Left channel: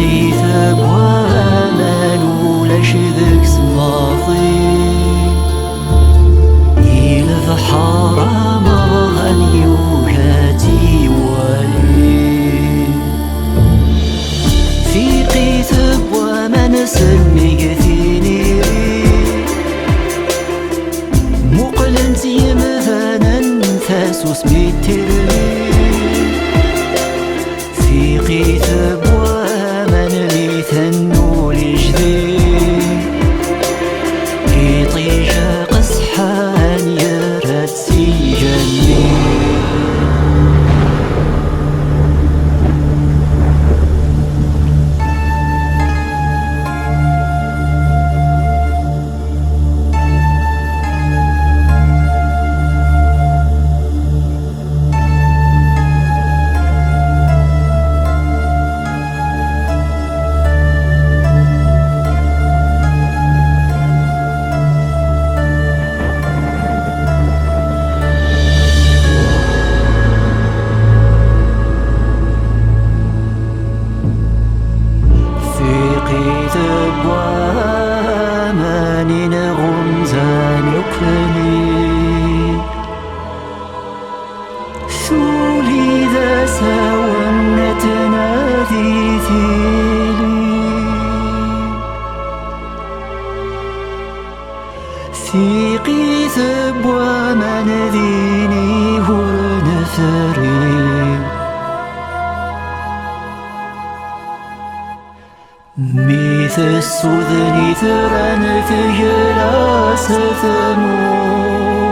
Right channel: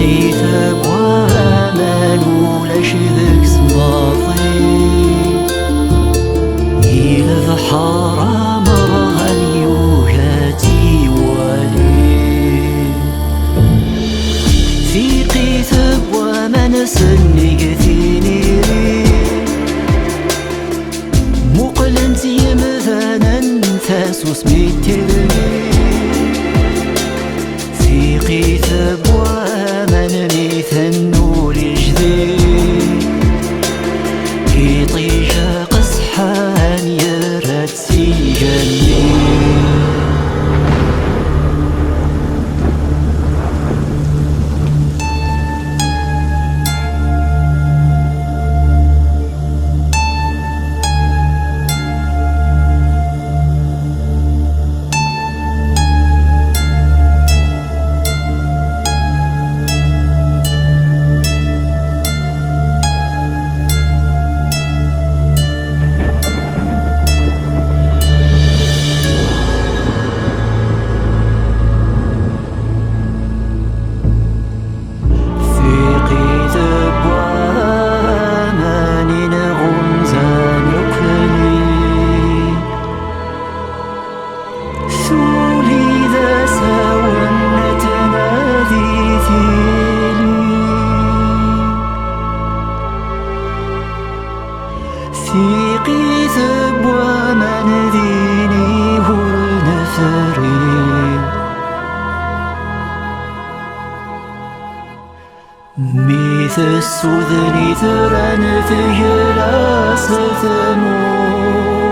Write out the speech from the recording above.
قيث بوامان ولاش ذاك سماطي إلى بحر مرغن يوهاتي والي في قيث بوامان سني ثيني مقلنت يمثانا ثاسوس ميتري في قيث بوامان ليثنو لجذي يطيش قصحان يراد سيجني قيث بوامان غمزان يقلي ثولي ذا ساونة نادي ثيلي في قيث بوامان ذيني هرن ثري ميث السذن ثران ثجلا ستمو